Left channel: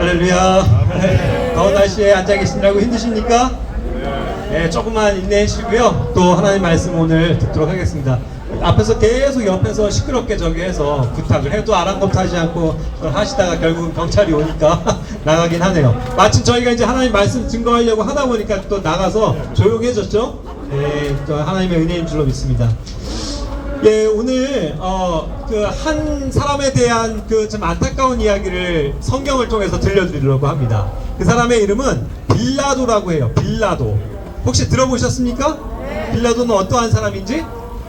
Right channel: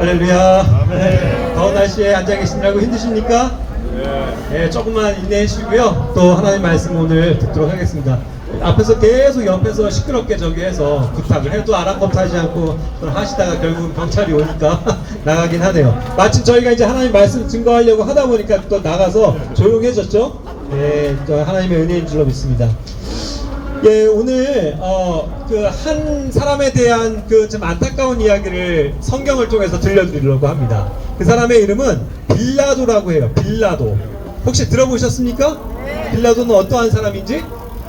할렐루야. 더운 날씨에 앉아 계시느라고 힘드십니까? 네, 조금만 인내해 주시고요. 또 하나님 말씀 오늘 듣도록 하겠습니다. 앞에서 계속 옆에서 시끄럽게 저기 해서 부탁을 해도 아랑곳하지 않고 그걸 하시다가 결국은 경찰이 오니까 나가긴 하네요. 마침 저희가 이제 하나님 말씀 증거하려고 하다 보니까 또 나가서 조용해졌죠? 네, 또 하나님의 은혜인 줄로 믿습니다. 예, 오늘 그 한 사람에 대한 그 좀 안타까운 이야기를 성경을 통해서 들려드리려고 합니다. 그 사람의 이름은 빌라도라고 해요. 빌라도. 혹시 들어보셨습니까? 빌라도는 어떠한 사람인지?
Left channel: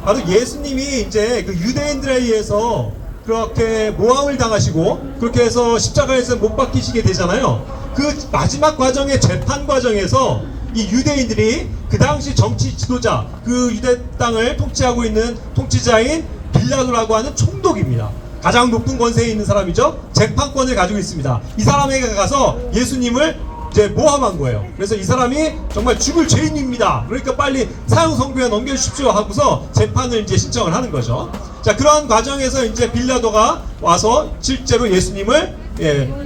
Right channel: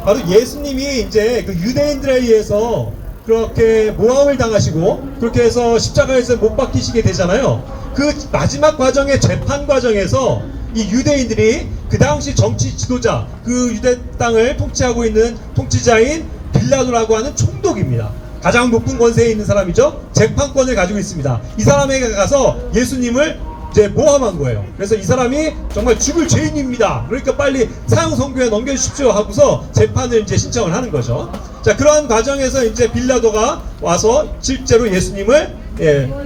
바로 예수님이 이제 그 유대인들에 의해서 그렇게 모함을 당하시고 그렇게 해서 십자가에서 못 박히시게 되잖아요. 그 마지막 과정의 재판 과정에서 이 유대인들이 그 당시 정치 지도자, 그 유대 땅을 통치하고 있는 통치자인 빌라도라고 하는 총독입니다. 가장 높은 권세에 있는 사람이죠. 재판권을 가지고 있습니다. 이 사람에게 가서 예수님을 이제 모함한 거예요. 그래서 이 사람이 정말 죽을 죄인입니다. 그러니까 빨리 사형 선고에 넘겨주십시오 하고서 재판을 이제 신청을 하는 거죠. 자, 그러한 과정에서 이제 빌라도가 와서 실제로 예수님을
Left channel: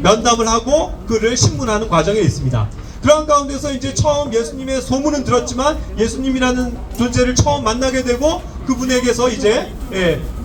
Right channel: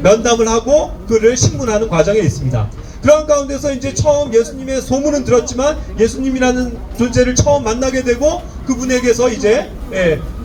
면담을 하고 그를 신문하는 과정에 있습니다. 그런 가운데서 이제 처음 예수님의 소문은 들었지만 예수님이라는 존재를 처음 만나게 되고 그분에게서 이제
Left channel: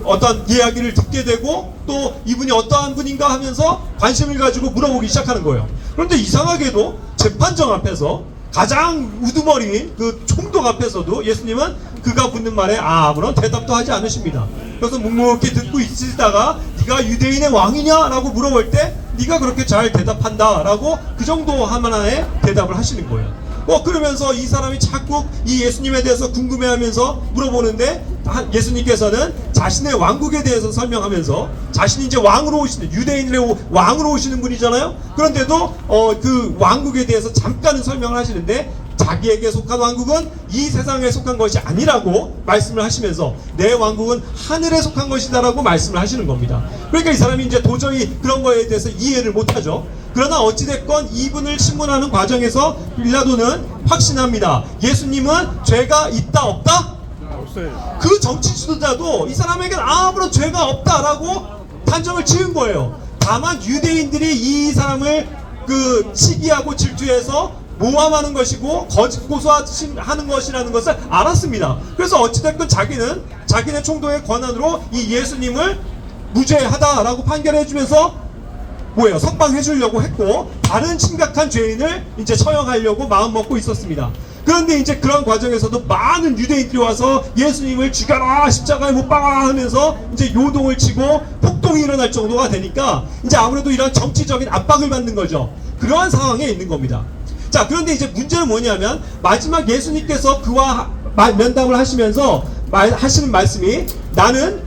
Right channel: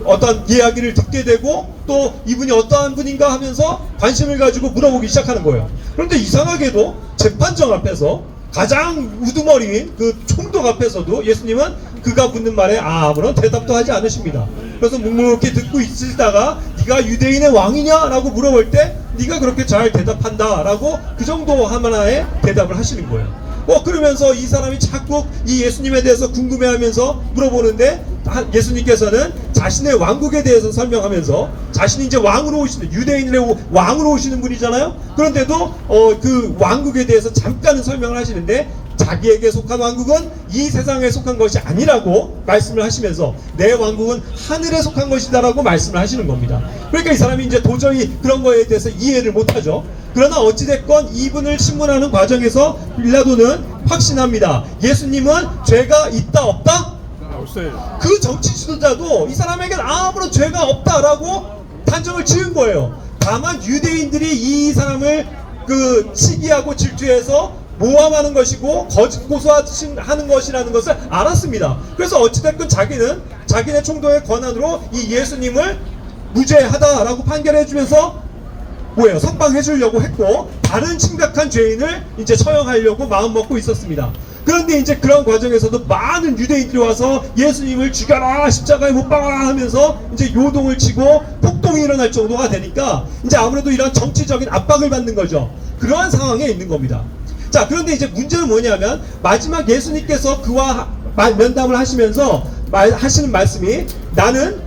어떤 이야기를 듣게 되고 또 이분이 어떠한 분인가 하면서 관심을 가지고 물어보기 시작하는 거예요. 그런데 이상하게도 재판정 앞에서 가장 우두머리인 그 총독 앞에서도 예수님은 그가 묻는 말에 아무런 대답도 하지 않으십니다. 그래서 묵묵히 듣고 있으시다가 네가 유대인의 왕이냐? 라고 물어볼 때 네가 그렇게 잘 대답한다 라고 그 정도 하나의 대답을 하시는 거예요. 그러면서 이 사람이 자꾸 이 예수님에 대해서 궁금해하면서 물어보는데 예수님께서는 자신의 왕국에 대해서 설명하면서 자신이 이제 왕으로 오시는 유대인의 왕으로 오시는 분이잖아요. 그런데도 그 왕국에 대해서 잠깐은 설명을 하시는데 자기에게 속한 왕국은 이 세상에 속한 것이 아니라고 말씀을 하시면서 내 왕국은 하늘에 속한 것이다라고 말씀을 하시는 겁니다. 그러니까 이 사람이 이제 도저히 그런 거에 대해서 이해를 못하죠. 그러나 어찌됐건 이분을 신문하는 과정에서 빌라도는 확신합니다. 예수님은 죄가 있다 없다? 없어요. 그 정치 지도자도 이 사람에게는 아무런 죄가 없다라고 단정을 지은 거예요. 다만 유대인들이 이 사람을 그 시기하고 질투해서 모함하는 것이고 거짓 고소하는 것이라는 것을 알았습니다. 그래서 어찌됐건 자기는 자기네 총독의 권한으로 이 예수님을 무죄하다라고 판결해주면서 석방해 주려고 했고 다른 심각한 죄인을 이제 처형하려고 마음먹고 있었습니다. 그런데 이제 그런 과정에서도 많은 유대인들이 와서 예수님을 죽여라 십자가에 못 박아라 하면서 이제 요동을 치고 폭동이 일어날 정도가 되니까 이제 아무래도 이런 정치적인 압박을 받는 거죠. 그러한 상황에 있는 겁니다. 자, 그런데 이제 문제는 뭐냐면 마지막 예수님께서 그와 면담을 하시면서 하시는 말씀이 나는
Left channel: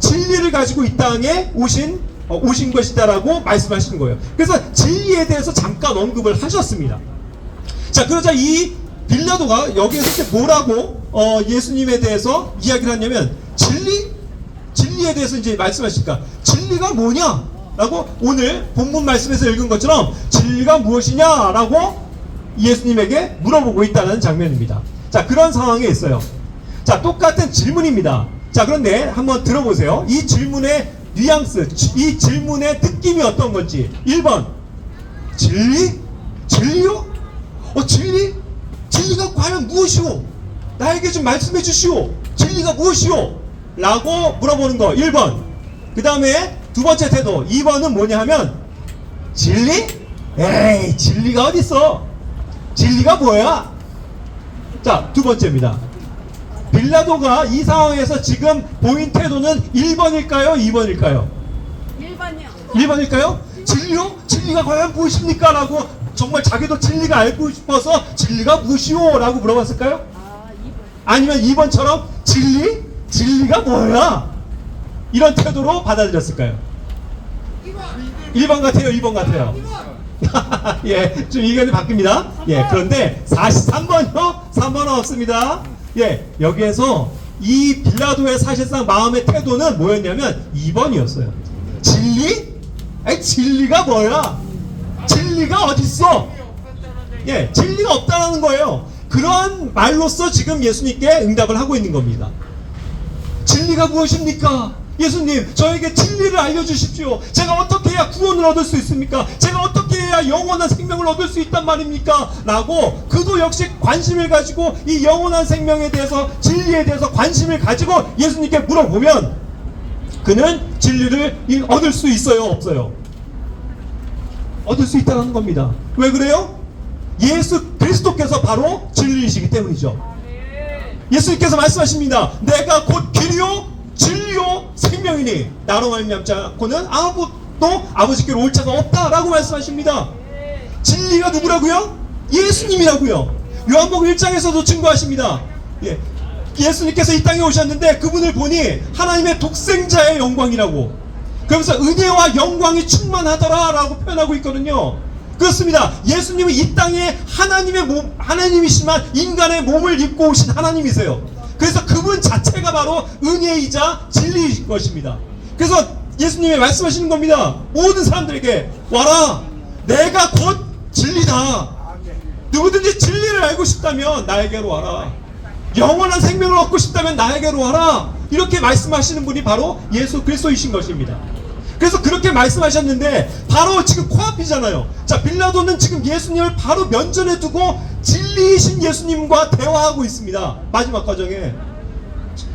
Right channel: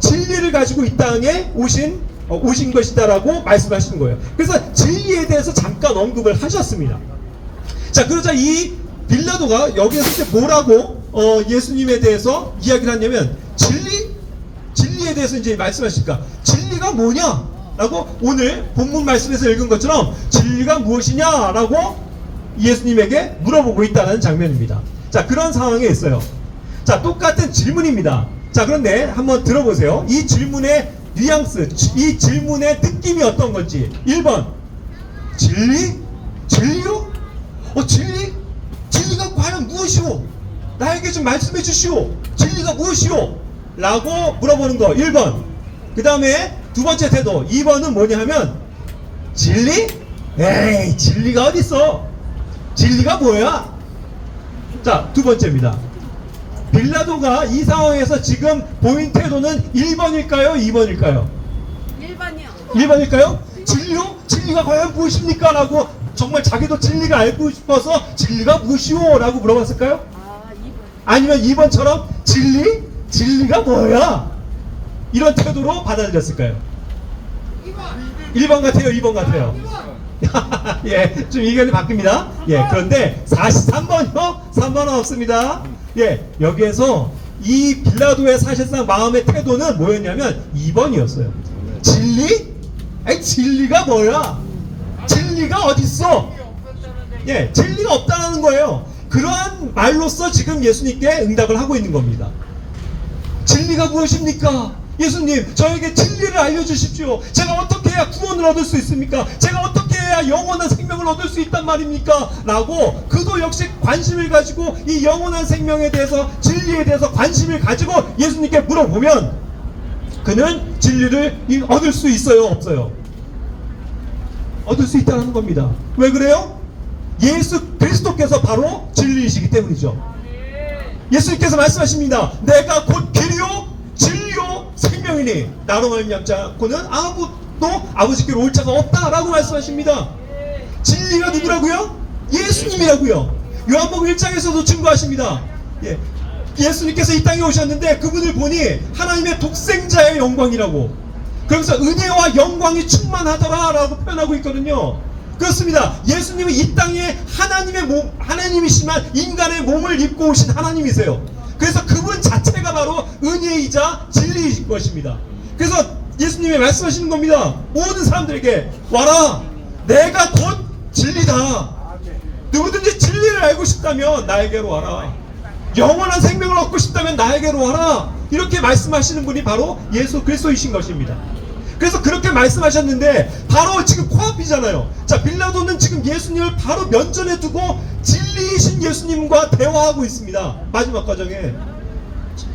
진리를 가지고 이 땅에 오신 것이다라고 말씀하시는 거예요. 그래서 진리에 대해서 잠깐 언급을 하셨습니다. 자, 그러자 이 빌라도가 여기에서 뭐라고 예수님에 대해서 이야기를 하냐면 진리에 대해서 이제 말씀하시니까 진리가 뭐냐? 라고 오늘 본문 말씀에서 읽은 것처럼 진리가 무엇이냐라고 예수님에게 물어보고 있다는 장면입니다. 자, 그런 상황에 있어요. 자, 똑같은 질문입니다. 자, 그런데 한번 들어보세요. 이 질문의 뉘앙스, 이 질문의 느낌이 어떤 건지. 1번 진리? 진리요? 진리? 진리가 과연 무엇이오? 나에게 좀 말씀해 주시오. 진리가 무엇이오? 라고 물어보는 거 1번. 그 다음에 두 번째 태도 2번은 뭐냐 하면 진리? 에이, 진리가 어딨어? 진리가 뭐야? 자, 두 번째입니다. 빌라도가 이 상황에서 지금 보인 태도는 1번일까요? 2번일까요? 1번이요. 1번일까요? 진리요? 진리가 과연 무엇입니까? 라고 정말 자기도 진리가 알고 싶어서 진리가 무엇이오? 라고 물어봤을까요? 아니면 2번처럼 진리? 진리가 뭐야? 이런 태도로 받아들였을까요? 1번 같아요? 2번 같아요? 예, 좀 의견이 바뀝니다. 예, 그런데 43번요? 3번은 없습니다. 예, 여기에서 이 빌라도의 사실상 마음의 태도는 뭐였냐면 2번이었어요. 진리? 아니, 진리가 뭐야? 진리가 어딨어? 예, 진리가 없다라는 거예요. 그러한 말로써 지금 예수님께 응답을 하고 있는 겁니다. 진리가 무엇입니까? 예수님, 저에게 진리를 알려주십시오. 제가 어떻게 해야 구원을 얻을 수 있습니까? 제가 어떻게 해야 내가 영원한 생명을 얻을 수 있단 말입니까? 라고 그도 역시 관심을 가지고 이 영원한 생명에 대해서, 진리에 대해서 관심을 가지고 예수님께 물어보면 그는 진리를 얻을 수 있어요, 없어요? 얻을 수 있다는 겁니다. 왜 그래요? 예수 그리스도께서 바로 진리이시기 때문이죠. 예수님께서 말씀하십니다. 내가 곧 길이요 진리요 생명이니 나로 말미암지 않고는 아무도 아버지께로 올 자가 없다라고 말씀하십니다. 진리가 누구라고요? 예수님이라고요. 요한복음 1장에서도 증거하십니다. 예수님께서 이 땅에 오셨는데 그분을 보니 하나님의 독생자의 영광이라고, 그러면서 은혜와 영광이 충만하더라 라고 표현하고 있거든요. 그렇습니다. 예수님은 이 땅에 하나님이시지만 인간의 몸을 입고 오신 하나님이세요. 그래서 그분 자체가 바로 은혜이자 진리인 것입니다. 그래서 예수님이 말씀하시는 겁니다. 모든 사람들에게 와라, 내가 곧 진리다. 누구든지 진리를 알고 싶다면 나에게로 와라. 영원한 생명을 얻고 싶다면 나에게로 와라. 이렇게 말씀하시는 분이 바로 예수 그리스도이신 것입니다. 그래서 그렇게 말씀하셨는데 바로 지금 코앞이잖아요. 자, 빌라도는 지금 예수님을 바로 면전에 두고 진리이신 예수님과 대화하고 있습니다. 마지막 과정에.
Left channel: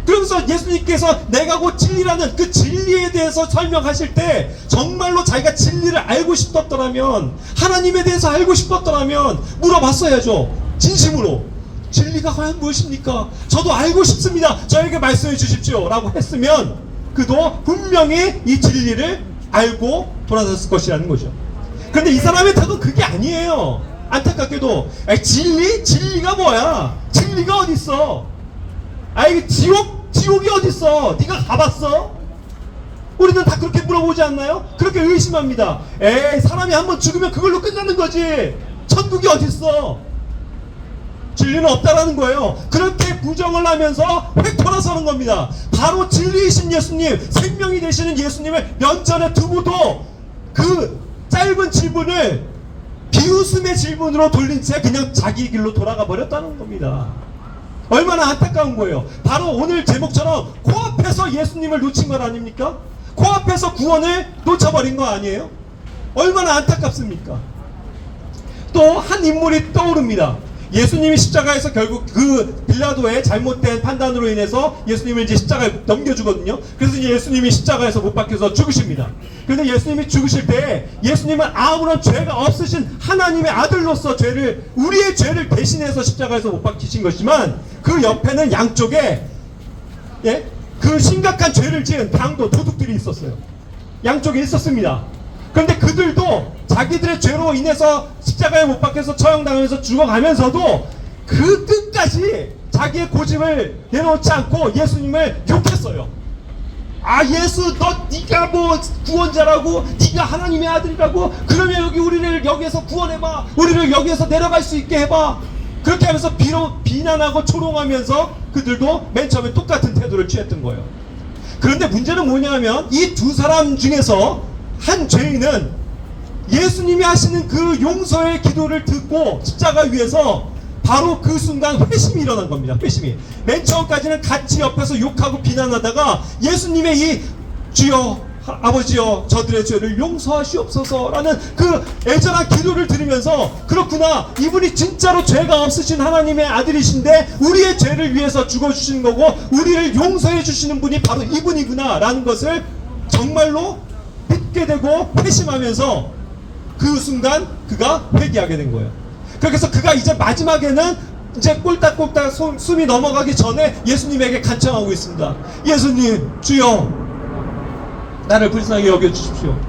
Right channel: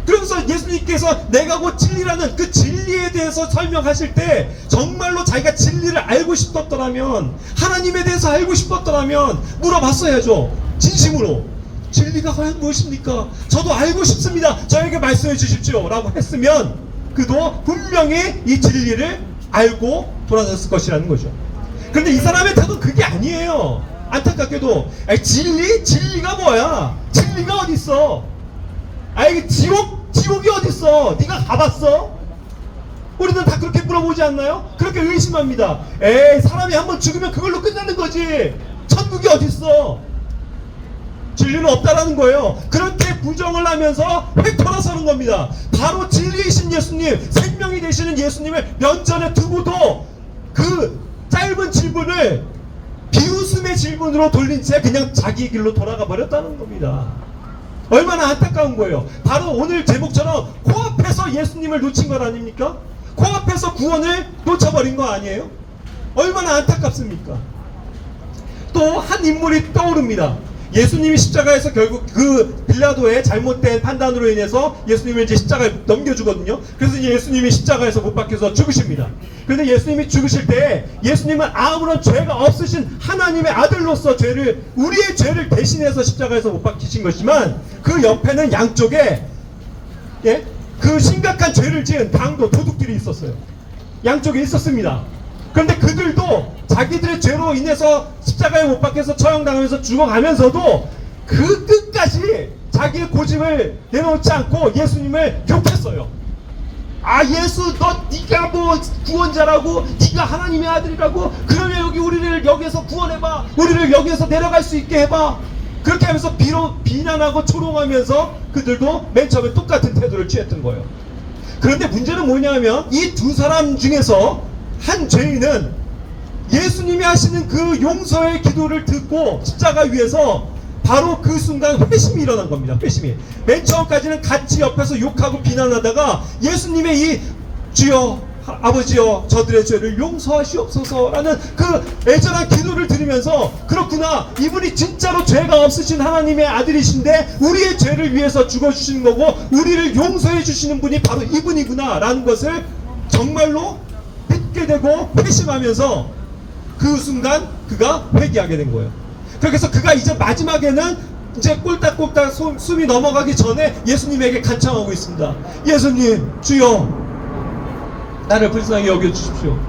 그러면서 예수님께서 내가 곧 진리라는 그 진리에 대해서 설명하실 때 정말로 자기가 진리를 알고 싶었더라면, 하나님에 대해서 알고 싶었더라면 물어봤어야죠. 진심으로. 진리가 과연 무엇입니까? 저도 알고 싶습니다. 저에게 말씀해 주십시오. 라고 했으면 그도 분명히 이 진리를 알고 돌아섰을 것이라는 거죠. 그런데 이 사람의 태도는 그게 아니에요. 안타깝게도 진리가 뭐야? 진리가 어딨어? 지옥이 어딨어? 네가 가봤어? 우리는 다 그렇게 물어보지 않나요? 그렇게 의심합니다. 사람이 한번 죽으면 그걸로 끝나는 거지. 천국이 어딨어? 진리는 없다라는 거예요. 그렇게 부정을 하면서 획 돌아서는 겁니다. 바로 진리이신 예수님, 생명이 되시는 예수님을 면전에 두고도 그 짧은 질문을 비웃음의 질문으로 돌린 채 그냥 자기 길로 돌아가 버렸다는 겁니다. 얼마나 안타까운 거예요. 바로 오늘 제목처럼 코앞에서 예수님을 놓친 것 아닙니까? 코앞에서 구원을 놓쳐버린 거 아니에요? 얼마나 안타깝습니까? 또 한 인물이 떠오릅니다. 예수님이 십자가에서 결국 그 빌라도의 잘못된 판단으로 인해서 예수님을 이제 십자가에 넘겨주거든요. 그래서 이제 예수님이 십자가에서 못 박혀서 죽으십니다. 그런데 예수님이 죽으실 때 예수님은 아무런 죄가 없으신 하나님의 아들로서 우리의 죄를 대신해서 십자가에서 못 박히신 것이지만 그 옆에는 양쪽에 그 심각한 죄를 지은 강도, 도둑들이 있었어요. 양쪽에 있었습니다. 그런데 그들도 자기들의 죄로 인해서 십자가에 못 박혀서 처형당하면서 죽어가면서도 그 끝까지 자기의 고집을 내놓지 않고 예수님을 욕했어요. 예수, 네가 뭐 구원자라고, 네가 하나님의 아들이라고, 그러면 우리를 여기에서 구원해봐, 우리를 여기에서 내려갈 수 있게 해봐. 그렇게 하면서 비난하고 조롱하면서 그들도 맨 처음에 똑같은 태도를 취했던 거예요. 그런데 문제는 뭐냐면 이 두 사람 중에서 한 죄인은 예수님이 하시는 그 용서의 기도를 듣고 십자가 위에서 바로 그 순간 회심이 일어난 겁니다. 회심이. 맨 처음까지는 같이 옆에서 욕하고 비난하다가 예수님의 이 주여 아버지여 저들의 죄를 용서하시옵소서라는 그 애절한 기도를 들으면서 그렇구나, 이분이 진짜로 죄가 없으신 하나님의 아들이신데 우리의 죄를 위해서 죽어주시는 거고 우리를 용서해 주시는 분이 바로 이분이구나 라는 것을 정말로 믿게 되고 회심하면서 그 순간 그가 회개하게 된 거예요. 그래서 그가 이제 마지막에는 이제 꼴딱꼴딱 숨이 넘어가기 전에 예수님에게 간청하고 있습니다. 예수님, 주여 나를 불쌍하게 여겨주십시오.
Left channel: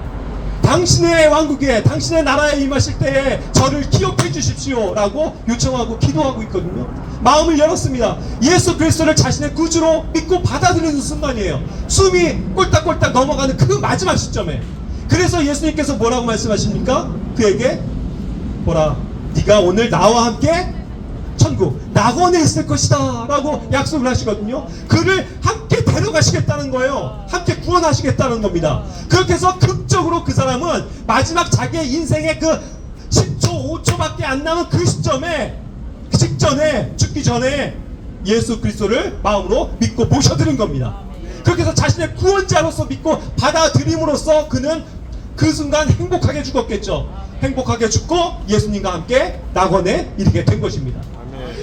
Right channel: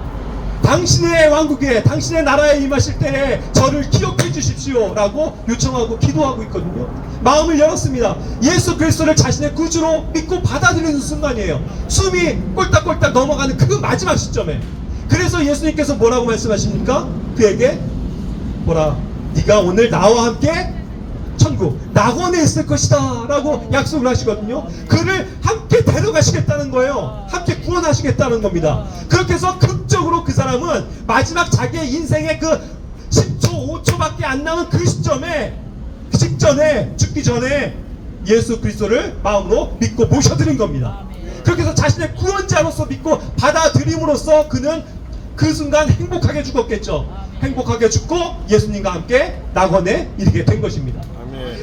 당신의 왕국에, 당신의 나라에 임하실 때에 저를 기억해 주십시오 라고 요청하고 기도하고 있거든요. 마음을 열었습니다. 예수 그리스도를 자신의 구주로 믿고 받아들이는 순간이에요. 숨이 꼴딱꼴딱 넘어가는 그 마지막 시점에. 그래서 예수님께서 뭐라고 말씀하십니까? 그에게 네가 오늘 나와 함께 천국 낙원에 있을 것이다 라고 약속을 하시거든요. 그를 함께 데려가시겠다는 거예요. 함께 구원하시겠다는 겁니다. 그렇게 해서 극적으로 그 사람은 마지막 자기의 인생의 그 10초 5초밖에 안 남은 그 시점에 직전에 죽기 전에 예수 그리스도를 마음으로 믿고 모셔드린 겁니다. 그렇게 해서 자신의 구원자로서 믿고 받아들임으로써 그는 그 순간 행복하게 죽었겠죠. 행복하게 죽고 예수님과 함께 낙원에 이르게 된 것입니다.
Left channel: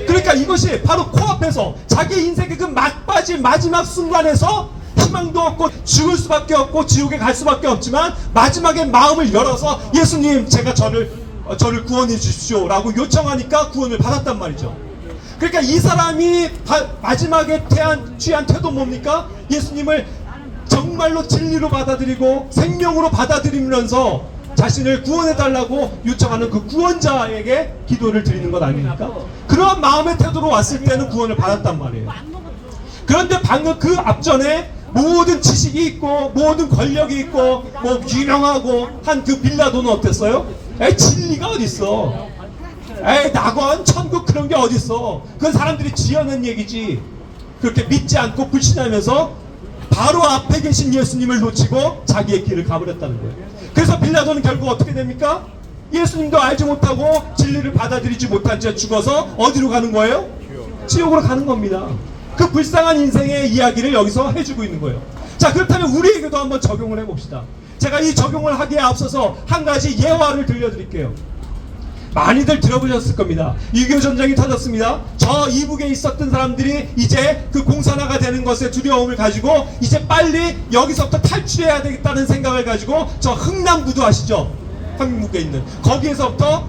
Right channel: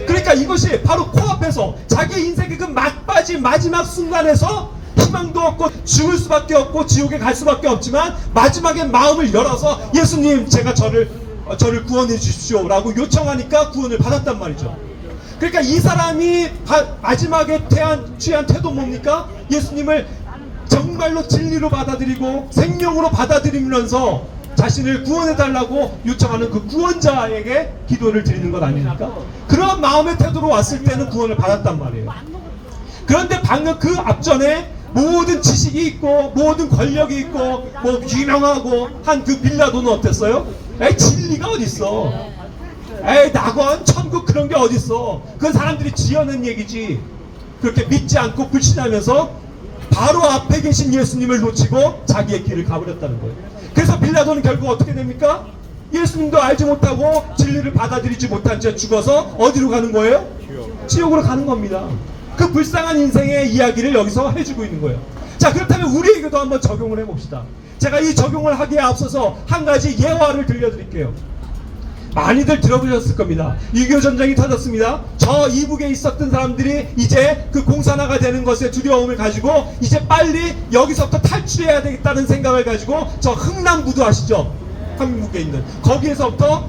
그러니까 이것이 바로 코앞에서 자기 인생의 그 막바지 마지막 순간에서 희망도 없고 죽을 수밖에 없고 지옥에 갈 수밖에 없지만 마지막에 마음을 열어서 예수님 제가 저를 구원해 주십시오 라고 요청하니까 구원을 받았단 말이죠. 그러니까 이 사람이 마지막에 취한 태도 뭡니까? 예수님을 정말로 진리로 받아들이고 생명으로 받아들이면서 자신을 구원해달라고 요청하는 그 구원자에게 기도를 드리는 것 아닙니까? 그런 마음의 태도로 왔을 때는 구원을 받았단 말이에요. 그런데 방금 그 앞전에 모든 지식이 있고 모든 권력이 있고 뭐 유명하고 한 그 빌라도는 어땠어요? 진리가 어딨어? 낙원, 천국 그런 게 어딨어? 그건 사람들이 지어낸 얘기지. 그렇게 믿지 않고 불신하면서 바로 앞에 계신 예수님을 놓치고 자기의 길을 가버렸다는 거예요. 그래서 빌라도는 결국 어떻게 됩니까? 예수님도 알지 못하고 진리를 받아들이지 못한 채 죽어서 어디로 가는 거예요? 지옥으로 가는 겁니다. 그 불쌍한 인생의 이야기를 여기서 해주고 있는 거예요. 자, 그렇다면 우리에게도 한번 적용을 해봅시다. 제가 이 적용을 하기에 앞서서 한 가지 예화를 들려드릴게요. 많이들 들어보셨을 겁니다. 6.25 전쟁이 터졌습니다. 저 이북에 있었던 사람들이 이제 그 공산화가 되는 것에 두려움을 가지고 이제 빨리 여기서부터 탈출해야 되겠다는 생각을 가지고 저 흥남부두 아시죠? 한국에 있는 거기에서부터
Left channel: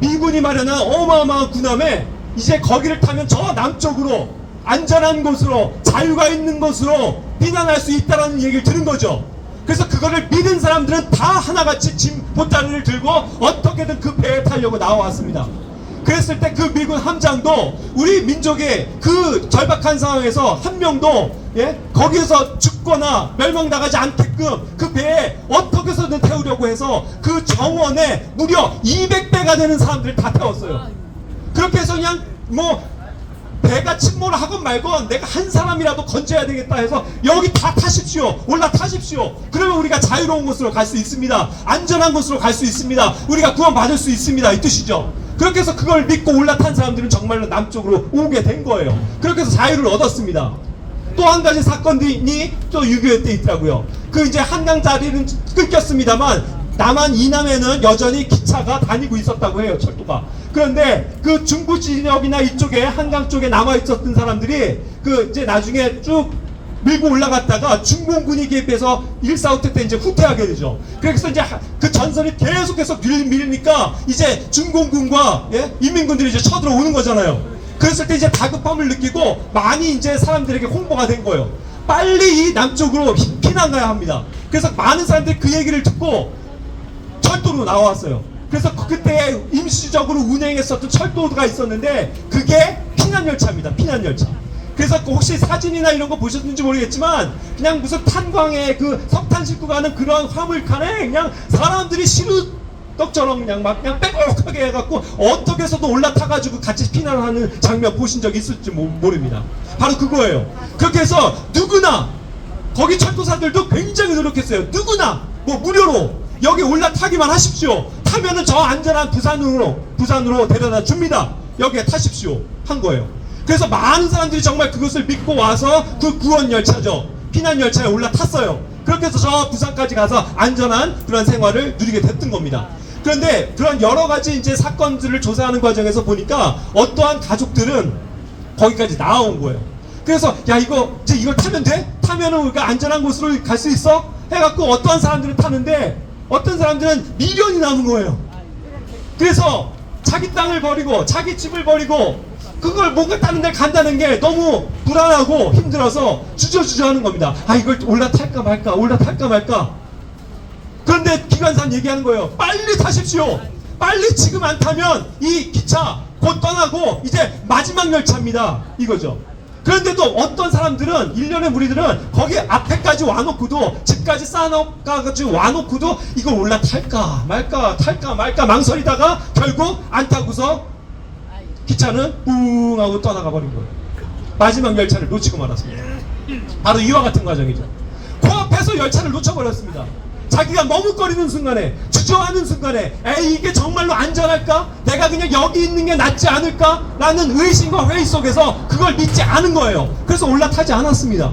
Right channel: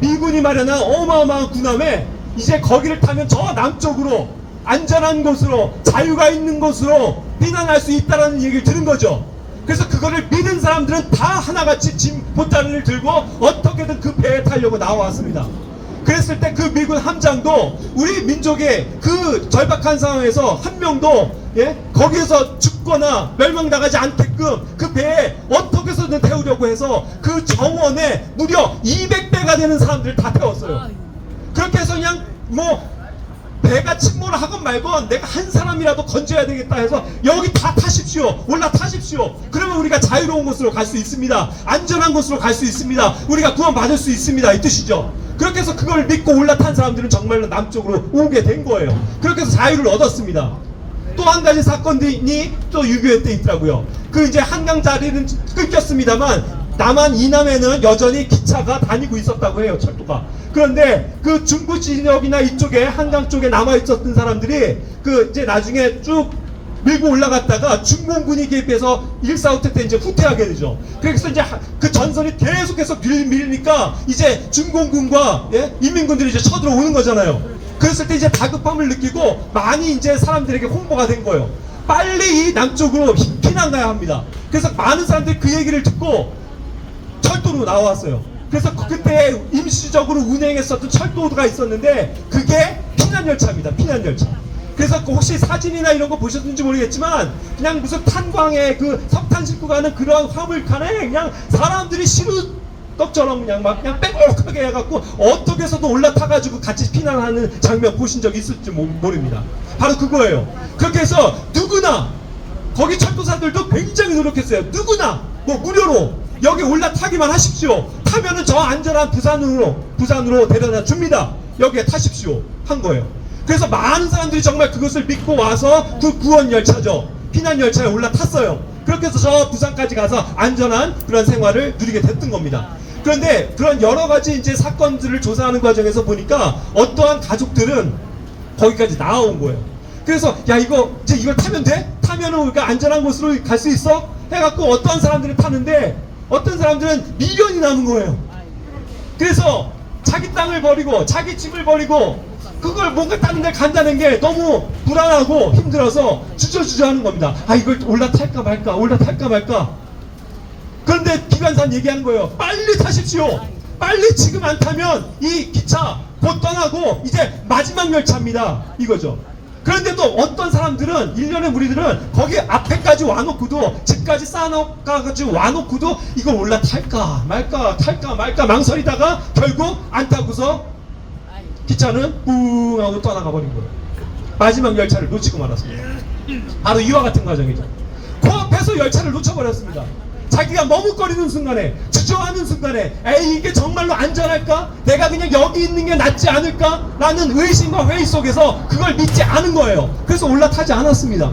미군이 마련한 어마어마한 군함에 이제 거기를 타면 저 남쪽으로 안전한 곳으로 자유가 있는 곳으로避難할 수 있다는 얘기를 들은 거죠. 그래서 그거를 믿은 사람들은 다 하나같이 짐 보따리를 들고 어떻게든 그 배에 타려고 나와왔습니다. 그랬을 때 그 미군 함장도 우리 민족의 그 절박한 상황에서 한 명도 거기에서 죽거나 멸망당하지 않게끔 그 배에 어떻게 해서든 태우려고 해서 그 정원에 무려 200배가 되는 사람들을 다 태웠어요. 그렇게 해서 그냥 뭐 배가 침몰을 하건 말건 내가 한 사람이라도 건져야 되겠다 해서 여기 다 타십시오. 올라타십시오. 그러면 우리가 자유로운 곳으로 갈 수 있습니다. 안전한 곳으로 갈 수 있습니다. 우리가 구원받을 수 있습니다. 이 뜻이죠. 그렇게 해서 그걸 믿고 올라탄 사람들은 정말로 남쪽으로 오게 된 거예요. 그렇게 해서 자유를 얻었습니다. 또 한 가지 사건이 또 6.25 때 있더라고요. 그 이제 한강 자리는 끊겼습니다만 남한 이남에는 여전히 기차가 다니고 있었다고 해요. 철도가. 그런데 그 중부 진역이나 이쪽에 한강 쪽에 남아 있었던 사람들이 그 이제 나중에 쭉 밀고 올라갔다가 중공군이 개입해서 1.4 때 이제 후퇴하게 되죠. 그래서 이제 그 전선이 계속해서 밀리니까 이제 중공군과 인민군들이 이제 쳐들어오는 거잖아요. 그랬을 때 이제 다급함을 느끼고 많이 이제 사람들에게 홍보가 된 거예요. 빨리 이 남쪽으로 피난 가야 합니다. 그래서 많은 사람들이 그 얘기를 듣고 철도로 나왔어요. 그래서 그때 임시적으로 운행했었던 철도가 있었는데 그게 피난열차입니다. 피난열차. 그래서 혹시 사진이나 이런 거 보셨는지 모르겠지만 그냥 무슨 탄광에 그 석탄 싣고 가는 그런 화물칸에 그냥 사람들이 시루떡처럼 그냥 막 그냥 빼곡하게 해갖고 어떻게 해서도 올라타가지고 같이 피난하는 장면 보신 적 있을지 모릅니다. 바로 그거예요. 그렇게 해서 누구나 거기 철도사들도 굉장히 노력했어요. 누구나 뭐 무료로 여기 올라타기만 하십시오. 타면은 저 안전한 부산으로 데려다 줍니다. 여기에 타십시오. 한 거예요. 그래서 많은 사람들이 정말 그것을 믿고 와서 그 구원열차죠. 피난열차에 올라탔어요. 그렇게 해서 저 부산까지 가서 안전한 그런 생활을 누리게 됐던 겁니다. 그런데 그런 여러 가지 이제 사건들을 조사하는 과정에서 보니까 어떠한 가족들은 거기까지 나온 거예요. 그래서 야 이제 이걸 타면 돼? 타면은 우리가 안전한 곳으로 갈 수 있어? 해갖고 어떠한 사람들은 타는데 어떤 사람들은 미련이 남은 거예요. 그래서 자기 땅을 버리고 자기 집을 버리고 그걸 뭔가 타는 데 간다는 게 너무 불안하고 힘들어서 주저주저 하는 겁니다. 아 이걸 올라탈까 말까 올라탈까 말까. 그런데 기관사는 얘기하는 거예요. 빨리 타십시오. 빨리 지금 안 타면 이 기차 곧 떠나고 이제 마지막 열차입니다. 이거죠. 그런데도 어떤 사람들은 일련의 무리들은 거기 앞에까지 와놓고도 집까지 쌓아놓고 와놓고도 이걸 올라탈까 말까 탈까 말까 망설이다가 결국 안 타고서 기차는 뿡 하고 떠나가 버린 거예요. 마지막 열차를 놓치고 말았습니다. 바로 이와 같은 과정이죠. 코앞에서 열차를 놓쳐버렸습니다. 자기가 머뭇거리는 순간에 주저하는 순간에 에이 이게 정말로 안전할까? 내가 그냥 여기 있는 게 낫지 않을까? 라는 의심과 회의 속에서 그걸 믿지 않은 거예요. 그래서 올라타지 않았습니다.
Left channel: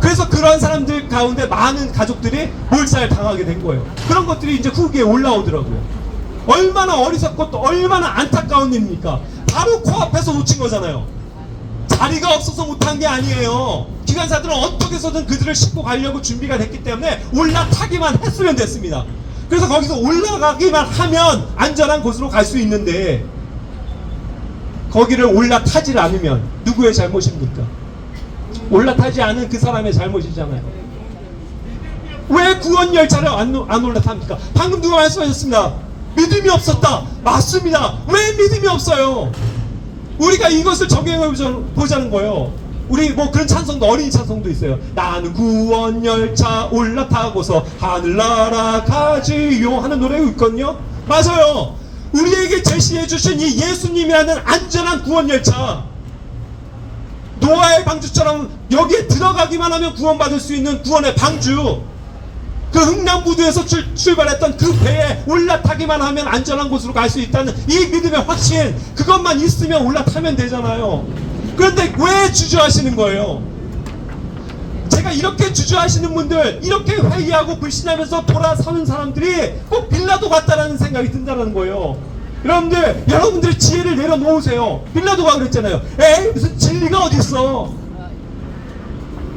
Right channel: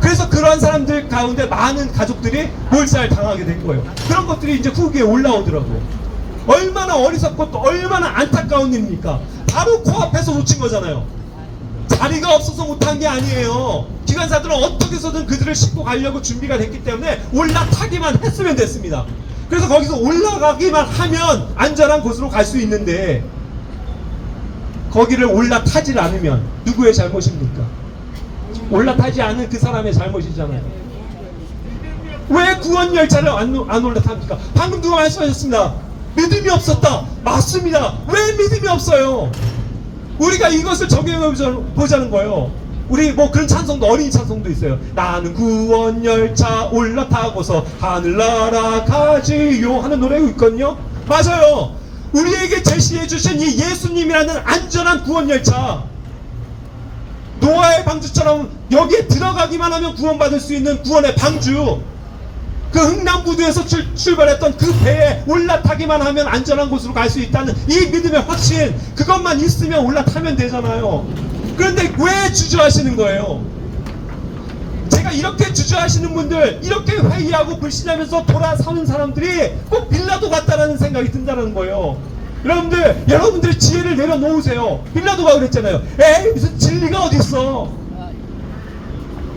그래서 그러한 사람들 가운데 많은 가족들이 몰살 당하게 된 거예요. 그런 것들이 이제 후기에 올라오더라고요. 얼마나 어리석고 또 얼마나 안타까운 일입니까? 바로 코앞에서 놓친 거잖아요. 자리가 없어서 못한 게 아니에요. 기관사들은 어떻게 해서든 그들을 싣고 가려고 준비가 됐기 때문에 올라타기만 했으면 됐습니다. 그래서 거기서 올라가기만 하면 안전한 곳으로 갈 수 있는데 거기를 올라타질 않으면 누구의 잘못입니까? 올라타지 않은 그 사람의 잘못이잖아요. 왜 구원 열차를 안 올라탑니까? 방금 누가 말씀하셨습니다. 믿음이 없었다. 맞습니다. 왜 믿음이 없어요? 우리가 이것을 적용해 보자는 거예요. 우리 뭐 그런 찬송도, 어린이 찬송도 있어요. 나는 구원 열차 올라타고서 하늘나라 가지요 하는 노래가 있거든요. 맞아요. 우리에게 제시해 주신 이 예수님이라는 안전한 구원 열차, 노아의 방주처럼 여기에 들어가기만 하면 구원받을 수 있는 구원의 방주, 그 흥남부두에서 출발했던 그 배에 올라타기만 하면 안전한 곳으로 갈 수 있다는 이 믿음의 확신, 그것만 있으면 올라타면 되잖아요. 그런데 왜 주저하시는 거예요? 제가 이렇게 주저하시는 분들, 이렇게 회의하고 불신하면서 돌아서는 사람들이 꼭 빌라도 같다라는 생각이 든다는 거예요. 여러분들의 지혜를 내려놓으세요. 빌라도가 그랬잖아요. 에이, 무슨 진리가 어디 있어?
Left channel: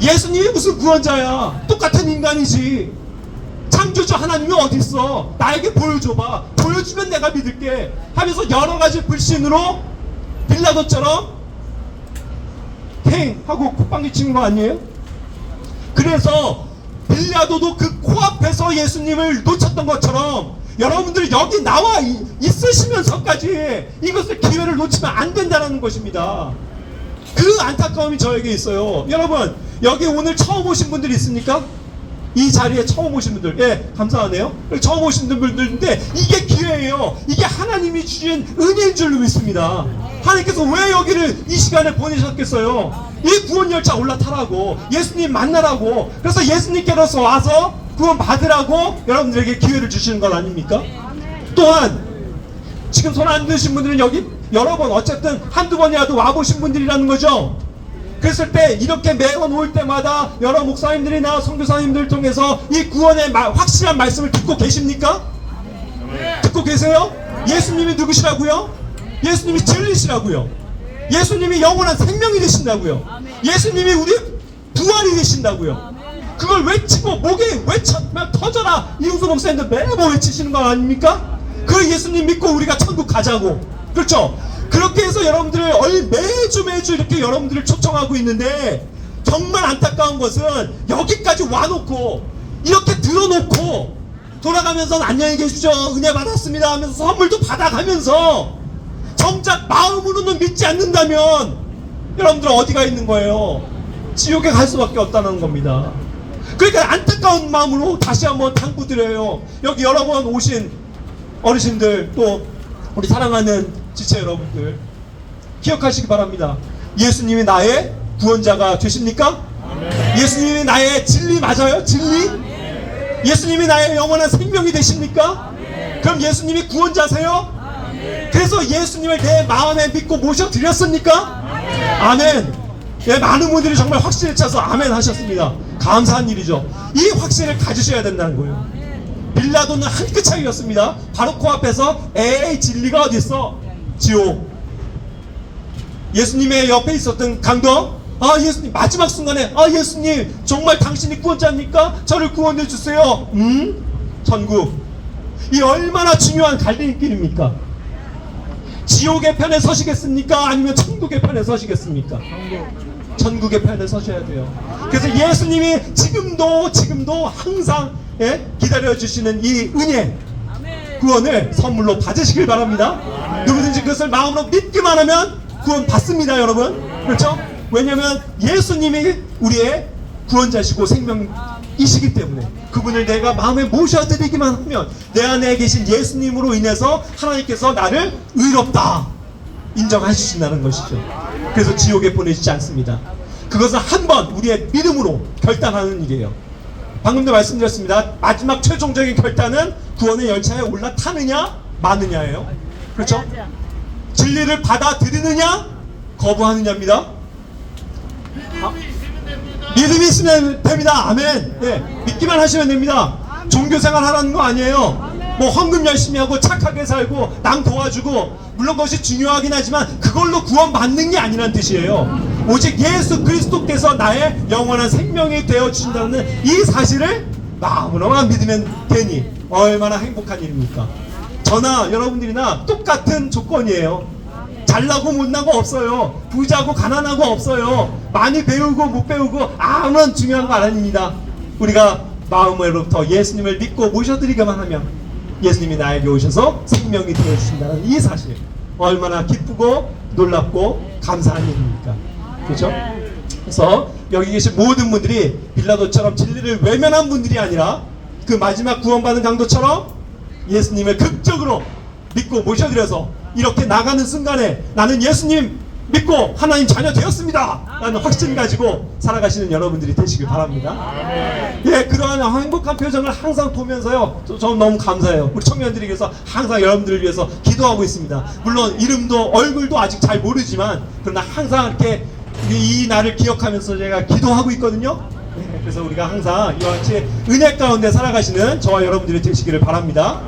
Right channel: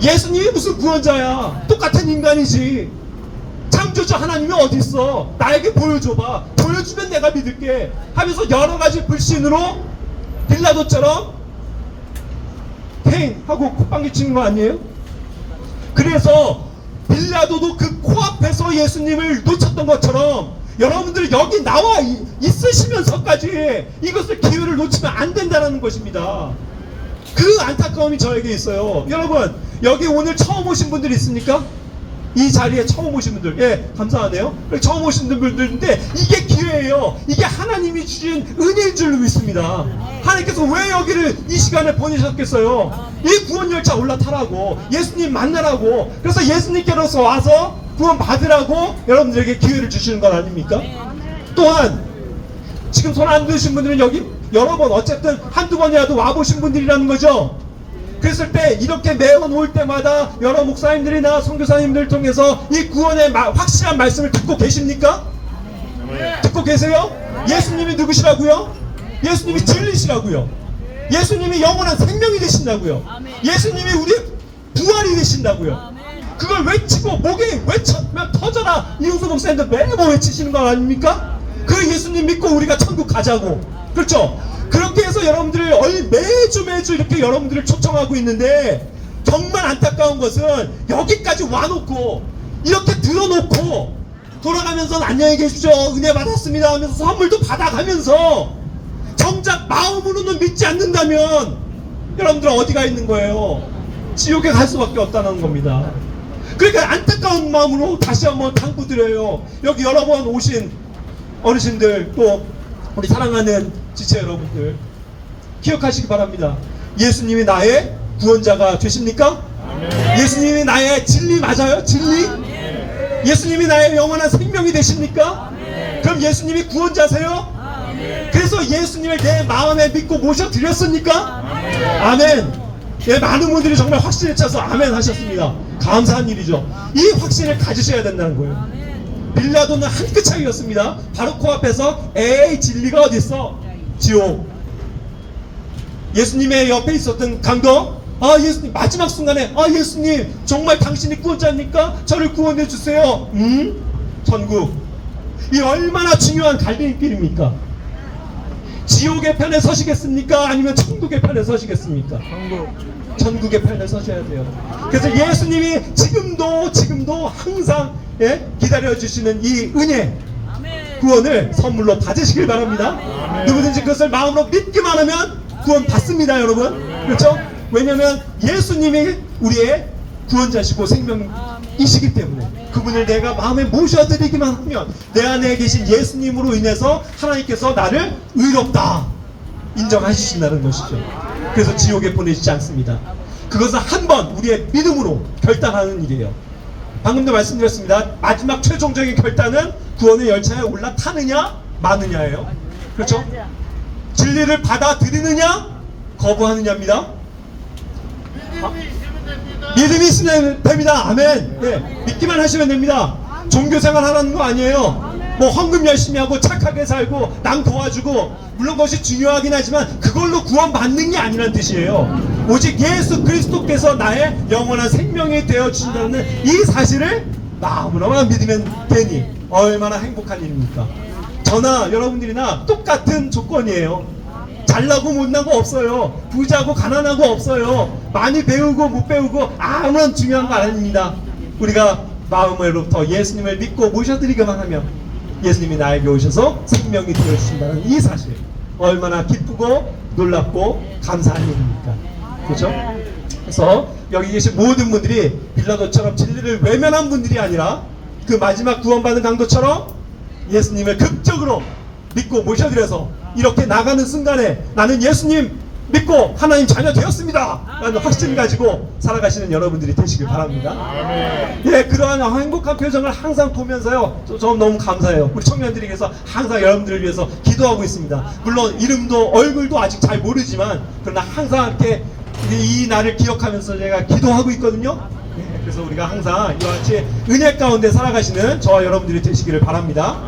예수님이 무슨 구원자야? 똑같은 인간이지. 창조주 하나님이 어디 있어? 나에게 보여줘봐. 보여주면 내가 믿을게. 하면서 여러 가지 불신으로 빌라도처럼 팽 하고 콧방귀 치는 거 아니에요? 그래서 빌라도도 그 코앞에서 예수님을 놓쳤던 것처럼 여러분들 여기 나와 있으시면서까지 이것을 기회를 놓치면 안 된다는 것입니다. 그 안타까움이 저에게 있어요. 여러분, 여기 오늘 처음 오신 분들 있습니까? 이 자리에 처음 오신 분들, 예, 감사하네요. 처음 오신 분들인데 이게 기회예요. 이게 하나님이 주신 은혜인 줄로 믿습니다. 하나님께서 왜 여기를 이 시간에 보내셨겠어요? 이 구원 열차 올라타라고, 예수님 만나라고, 그래서 예수님께로서 와서 구원 받으라고 여러분들에게 기회를 주시는 건 아닙니까? 또한 지금 손 안 드신 분들은 여기 여러 번, 어쨌든 한두 번이라도 와보신 분들이라는 거죠. 그랬을 때 이렇게 매번 올 때마다 여러 목사님들이나 선교사님들 통해서 이 구원의 확실한 말씀을 듣고 계십니까? 듣고 계세요? 예수님이 누구시라고요? 예수님이 진리시라고요. 예수님이 영원한 생명이 되신다고요. 예수님이 우리의 부활이 되신다고요. 그걸 외치고 목에 외쳐면 터져라, 이우수 목사님들 매번 외치시는 거 아닙니까? 그 예수님 믿고 우리가 천국 가자고. 그렇죠? 그렇게 해서 여러분들을 매주 이렇게 여러분들을 초청하고 있는데, 정말 안타까운 것은 여기까지 와놓고 이렇게 들어놓고 돌아가면서 안녕히 계시죠, 은혜 받았습니다 하면서 선물도 받아가면서 정작 마음으로는 믿지 않는다면 여러분들 어디가 있는 거예요? 지옥에 갈 수밖에 없다는 겁니다. 그러니까 안타까운 마음으로 다시 한번 당부드려요. 여기 여러 번 오신 어르신들, 또 우리 사랑하는 지체 여러분들, 기억하시기 바랍니다. 예수님이 나의 구원자가 되십니까? 예수님이 나의 진리 맞아요? 진리? 예수님이 나의 영원한 생명이 되십니까? 그럼 예수님이 구원자세요? 그래서 예수님을 내 마음에 믿고 모셔드렸습니까? 아멘. 예, 많은 분들이 정말 확신에 차서 아멘 하셨습니다. 감사한 일이죠. 이 확신을 가지셔야 된다는 거예요. 빌라도는 한 끗 차이였습니다. 바로 코앞에서 에이, 진리가 어디 있어? 지옥. 예수님의 옆에 있었던 강도, 아, 예수님, 마지막 순간에, 아, 예수님 정말 당신이 구원자입니까? 저를 구원해 주세요. 천국. 이 얼마나 중요한 갈림길입니까? 지옥의 편에 서시겠습니까? 아니면 천국의 편에 서시겠습니까? 천국의 편에 서셔야 돼요. 그래서 예수님이 지금도 항상, 예, 기다려주시는 이 은혜, 구원을 선물로 받으시길 바랍니다. 누구든지 그것을 마음으로 믿기만 하면 구원 받습니다, 여러분. 그렇죠? 왜냐하면 예수님이 우리의 구원자시고 생명이시기 때문에 그분을 내가 마음에 모셔드리기만 하면 내 안에 계신 예수님으로 인해서 하나님께서 나를 의롭다 인정해 주신다는 것이죠. 그래서 지옥에 보내시지 않습니다. 그것은 한번 우리의 믿음으로 결단하는 일이에요. 방금도 말씀드렸습니다. 마지막 최종적인 결단은 구원의 열차에 올라타느냐 마느냐예요. 그렇죠? 진리를 받아들이느냐 거부하느냐입니다. 믿음이 있으면 됩니다. 아멘. 네, 믿기만 하시면 됩니다. 종교생활 하라는 거 아니에요. 뭐 헌금 열심히 하고 착하게 살고 남 도와주고, 물론 그것이 중요하긴 하지만 그걸로 구원받는 게 아니란 뜻이에요. 오직 예수 그리스도께서 나의 영원한 생명이 되어 주신다는 이 사실을 마음으로만 믿으면 되니 얼마나 행복한 일입니까? 저나 여러분들이나 똑같은 조건이에요. 잘나고 못나고 없어요. 부자고 가난하고 없어요. 많이 배우고 못 배우고 아무런 중요한 거 아닙니다. 우리가 마음으로부터 예수님을 믿고 모셔드리기만 하면 예수님이 나에게 오셔서 생명이 되어주신다는 이 사실, 얼마나 기쁘고 놀랍고 감사한 일입니까? 그렇죠? 그래서 여기 계신 모든 분들이 빌라도처럼 진리를 외면한 분들이 아니라 그 마지막 구원받은 강도처럼 예수님을 극적으로 믿고 모셔드려서 이렇게 나가는 순간에 나는 예수님 믿고 하나님 자녀 되었습니다 라는 확신 가지고 살아가시는 여러분들이 되시길 바랍니다. 예, 그러한 행복한 표정을 항상 보면서요, 저는 너무 감사해요. 우리 청년들이 위해서 항상 여러분들을 위해서 기도하고 있습니다. 물론 이름도 얼굴도 아직 잘 모르지만 그러나 항상 이렇게 이 날을 기억하면서 제가 기도하고 있거든요. 그래서 우리가 항상 이와 같이 은혜 가운데 살아가시는 저와 여러분들이 되시기를 바랍니다.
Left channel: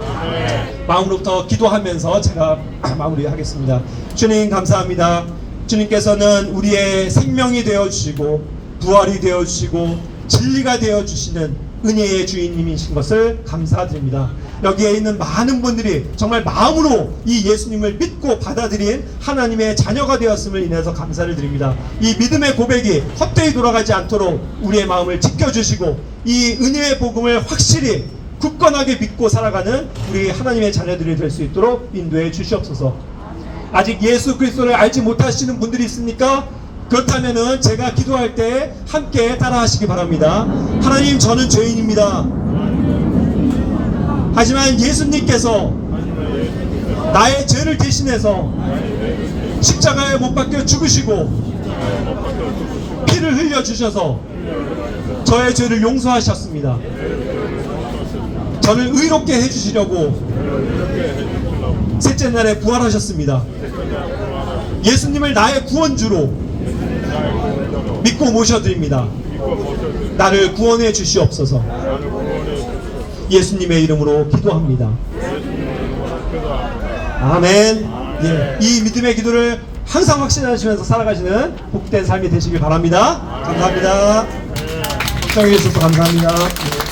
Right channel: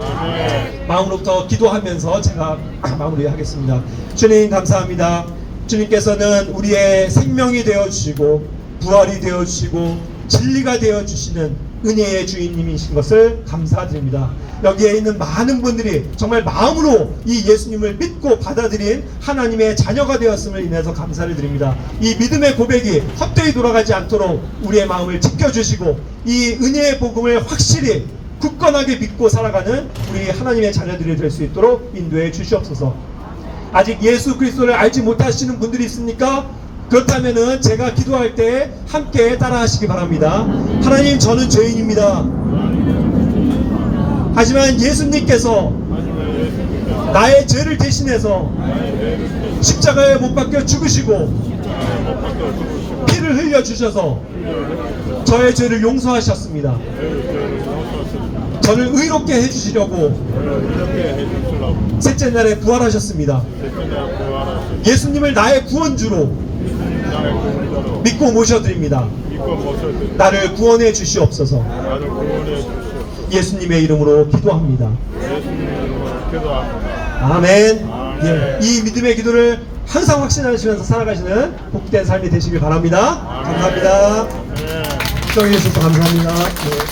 마음으로부터 기도하면서 제가 마무리하겠습니다. 주님 감사합니다. 주님께서는 우리의 생명이 되어주시고 부활이 되어주시고 진리가 되어주시는 은혜의 주인님이신 것을 감사드립니다. 여기에 있는 많은 분들이 정말 마음으로 이 예수님을 믿고 받아들인 하나님의 자녀가 되었음을 인해서 감사를 드립니다. 이 믿음의 고백이 헛되이 돌아가지 않도록 우리의 마음을 지켜주시고 이 은혜의 복음을 확실히 굳건하게 믿고 살아가는 우리 하나님의 자녀들이 될 수 있도록 인도해 주시옵소서. 아직 예수 그리스도를 알지 못하시는 분들이 있습니까? 그렇다면은 제가 기도할 때 함께 따라하시기 바랍니다. 하나님, 저는 죄인입니다. 하지만 예수님께서 나의 죄를 대신해서 십자가에 못 박혀 죽으시고 피를 흘려 주셔서 저의 죄를 용서하셨습니다. 저를 의롭게 해주시려고 셋째 날에 부활하셨습니다. 예수님을 나의 구원주로 믿고 모셔드립니다. 나를 구원해 주시옵소서. 예수님의 이름으로 기도합니다. 아멘. 예, 이 믿음의 기도를 항상 확신하시면서 살아가시는 복된 삶이 되시길 바랍니다. 감사합니다. 시청해 주셔서 감사합니다. 예.